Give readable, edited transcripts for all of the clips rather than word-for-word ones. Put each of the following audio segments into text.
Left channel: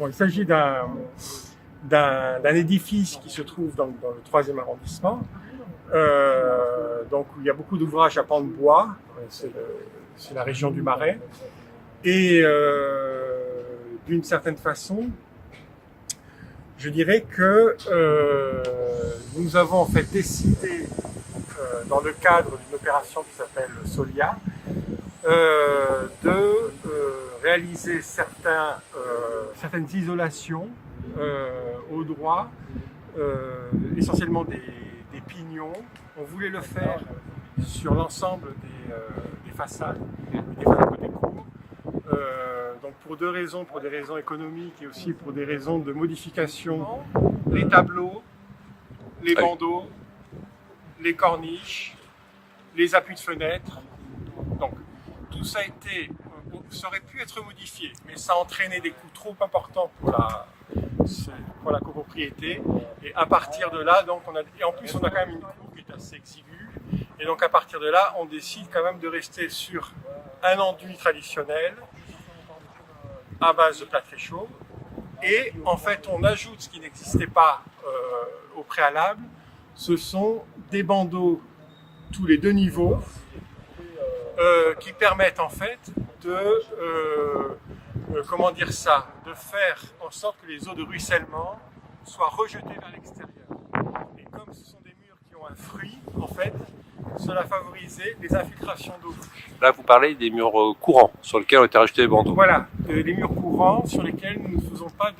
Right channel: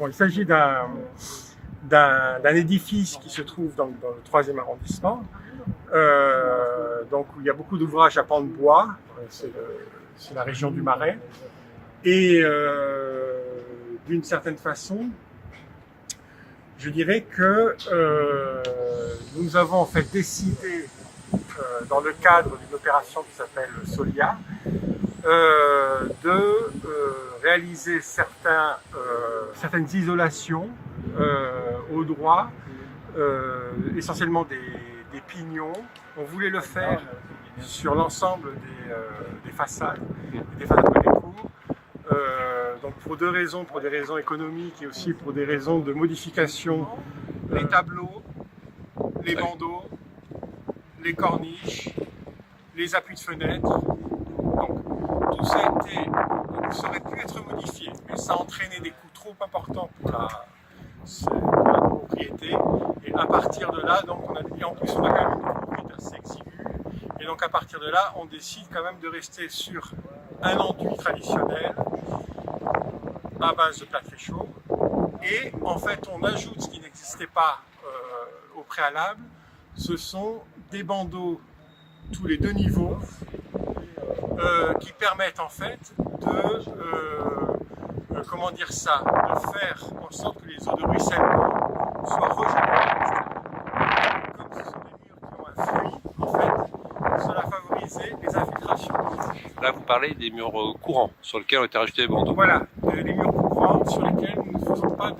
Bon, il s'agit d'un édifice qui se trouve dans le 3e arrondissement, donc où il y a beaucoup d'ouvrages à pans de bois, c'est la région du Marais, et d'une certaine façon, je dirais que nous avons en fait décidé, dans le cadre d'une opération qui s'appelle Solia, de réaliser certaines isolations au droit, essentiellement des pignons. On voulait le faire sur l'ensemble des façades côté cour. Donc pour deux raisons, pour des raisons économiques et aussi pour des raisons de modification, les tableaux, les bandeaux, les corniches, les appuis de fenêtres. Donc tout ça ça aurait pu être modifié, mais ça entraînait des coûts trop importants pour la propriété. Et à partir de là, donc et en plus on a quand même une cour qui est assez exiguë. Et donc à partir de là, on décide quand même de rester sur un enduit traditionnel à base de plâtre chaud. Et en fait, on ajoute ce qui n'existait pas au préalable, ce sont des bandeaux tous les 2 niveaux qui permettent en fait de comment dire ça, de faire en sorte que les eaux de ruissellement soient rejetées à l'extérieur. Comme ce sont des murs qui ont un fruit, en fait, cela favorisait les infiltrations d'eau. Là, vous parlez des murs courants sur lesquels ont été rajoutés les bandeaux. Voilà, les murs courants sur lesquels nous ne faisons pas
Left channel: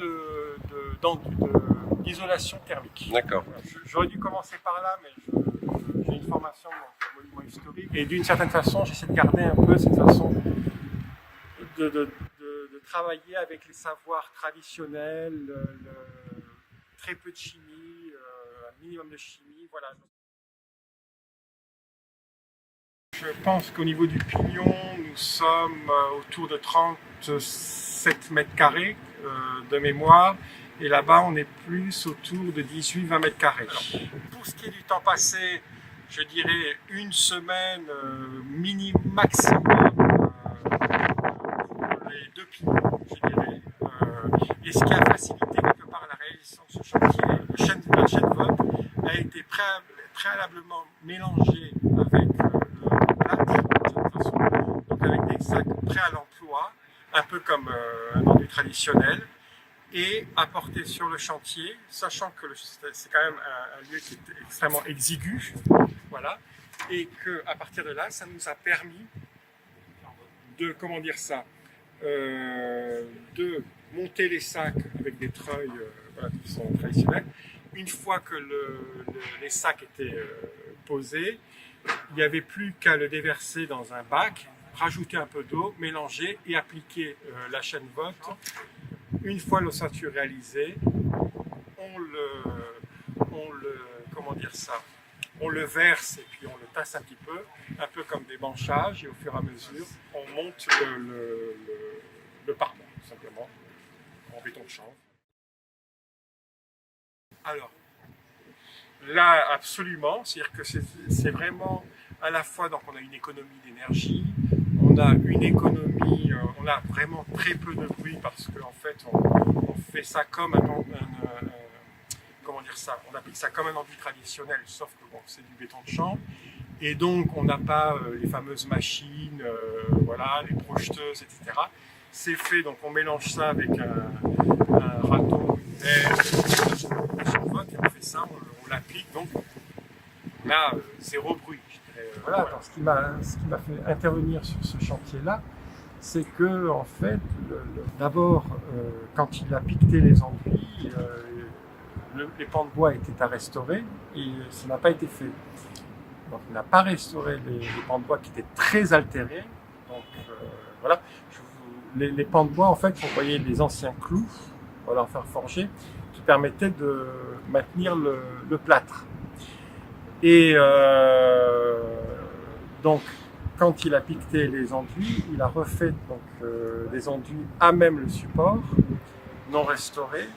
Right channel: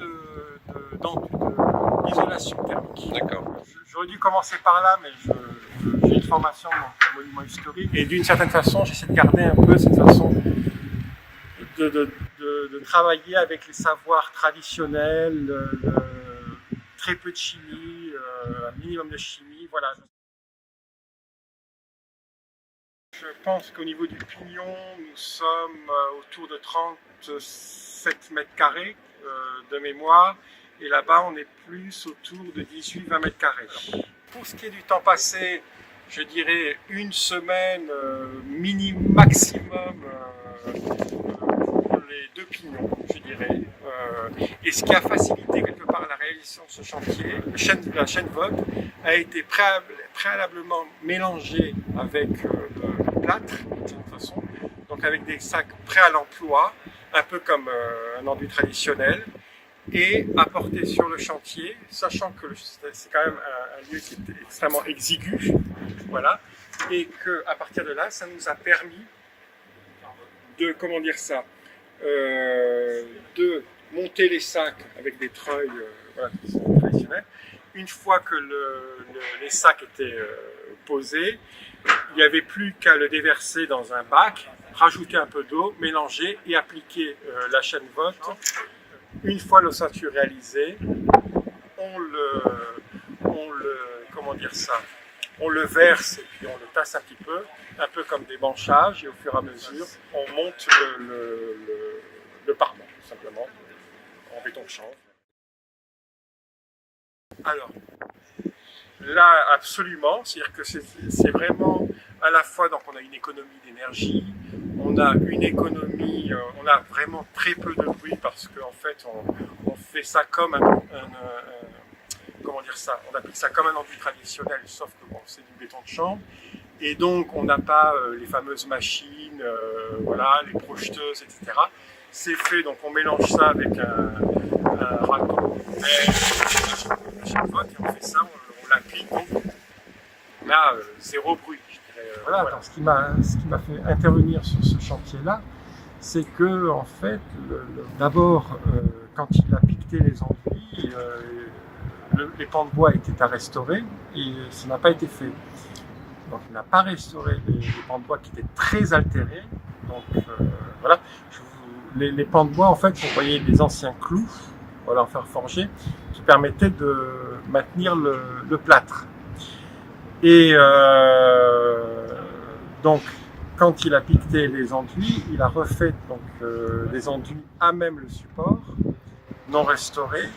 d'isolation thermique. D'accord. J'aurais dû commencer par là, mais j'ai une formation en monument historique et d'une certaine façon, j'essaie de garder un peu cette façon de travailler avec les savoirs traditionnels, très peu de chimie, un minimum de chimie, voilà. Je pense qu'au niveau du pignon, nous sommes autour de 37 mètres carrés de mémoire. Et là-bas, on est plus autour de 18-20 mètres carrés. Pour ce qui est du temps passé, je dirais 1 semaine maximum pour les 2 pignons, je dirais. Et ce qui a facilité quelque part la réalisation de ce chantier, la chaîne VOP, a été préalablement mélangée avec le plâtre, de cette façon, donc avec des sacs prêts à l'emploi, un peu comme un enduit traditionnel, et apporté sur le chantier, sachant que c'est quand même un lieu qui est extrêmement exigu, voilà, et que à partir de là, ça nous a permis de, comment dire ça, de monter les sacs avec des treuils voilà, qui sont traditionnels. Une fois que les sacs étaient posés, il n'y avait plus qu'à le déverser dans un bac, rajouter un peu d'eau, mélanger et appliquer la chaîne VOP. Une fois l'ossature réalisée, comment dire ça, on le verse et puis on le tasse un petit peu comme des branchages, et au fur et à mesure, on monte le parement, tout simplement, en béton de chanvre. Alors, là, absolument, c'est-à-dire que c'est vraiment à la fois, donc on a une économie d'énergie, on a une économie, on a vraiment très peu de bruit parce qu'en fait on fait ça comme comment dire ça, on applique ça comme un enduit traditionnel, sauf que bon, c'est du béton de chambre, et donc on n'a pas les fameuses machines, voilà, les projeteuses, etc. C'est fait, donc on mélange ça avec un râteau, et on fait ça, on l'applique, donc on a 0 bruit. Voilà, alors, ce qui m'a fait intervenir sur ce chantier-là, c'est que en fait, d'abord, quand il a piqueté les enduits, les pans de bois étaient à restaurer et ça n'a pas été fait. Donc il n'a pas restauré les pans de bois qui étaient très altérés. Donc voilà, les pans de bois, en fait, vous voyez les anciens clous, voilà, en fer forgé, qui permettaient de maintenir le plâtre. Et donc, quand il a piqueté les enduits, il a refait donc, des enduits à même le support, non restaurés.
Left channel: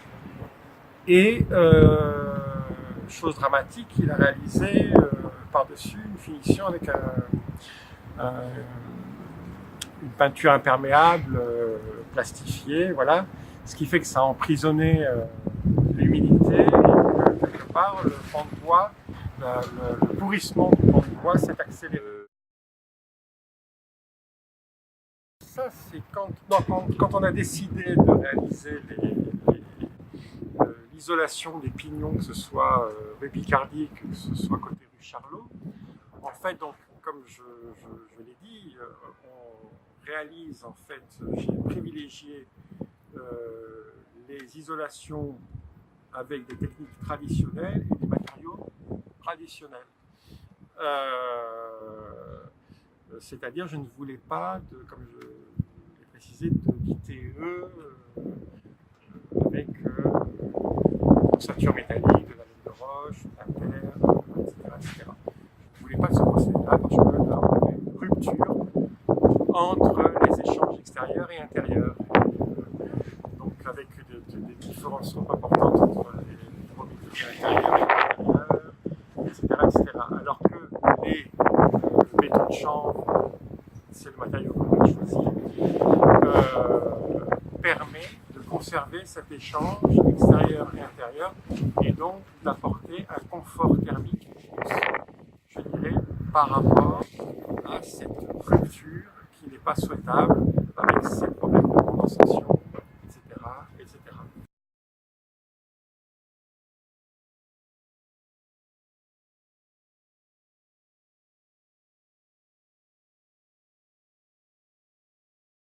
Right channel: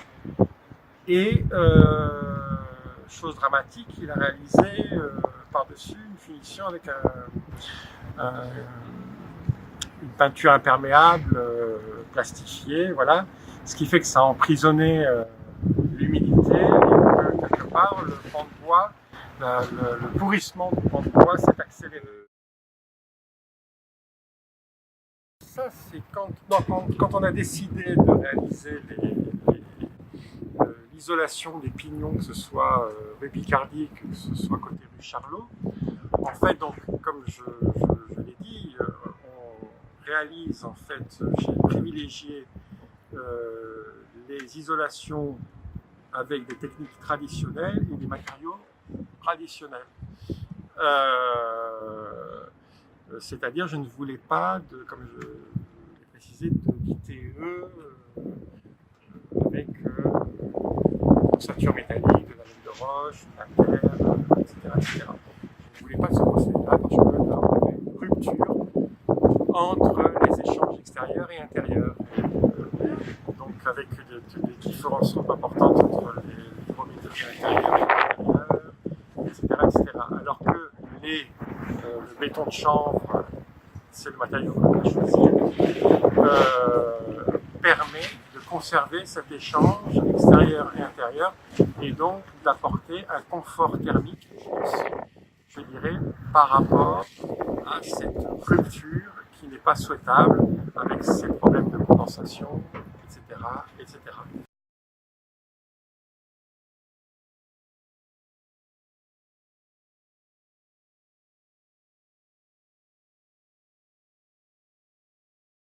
Et, chose dramatique, il a réalisé par-dessus une finition avec une peinture imperméable, plastifiée, voilà, ce qui fait que ça a emprisonné l'humidité et que quelque part le pan de bois, le pourrissement du pan de bois s'est accéléré. Ça, c'est quand on a décidé de réaliser l'isolation des pignons, que ce soit rue Picardie, que ce soit côté rue Charlot. En fait, donc, comme je l'ai dit, on réalise, en fait, j'ai privilégié les isolations avec des techniques traditionnelles et des matériaux traditionnels. C'est-à-dire, je ne voulais pas, comme je l'ai précisé, d'ITE avec ossature métallique, de la laine de roche, de la terre, etc. Je ne voulais pas de ce procédé-là parce que là, on avait une rupture entre les échanges extérieurs et intérieurs. Donc avec des différences trop importantes entre les produits de l'intérieur et l'intérieur, etc. Alors que le béton de chanvre, c'est le matériau qu'on a choisi, permet de conserver cet échange extérieur et intérieur et donc d'apporter un confort thermique, je dirais, par rapport à cette rupture qui n'est pas souhaitable avec ces problèmes de condensation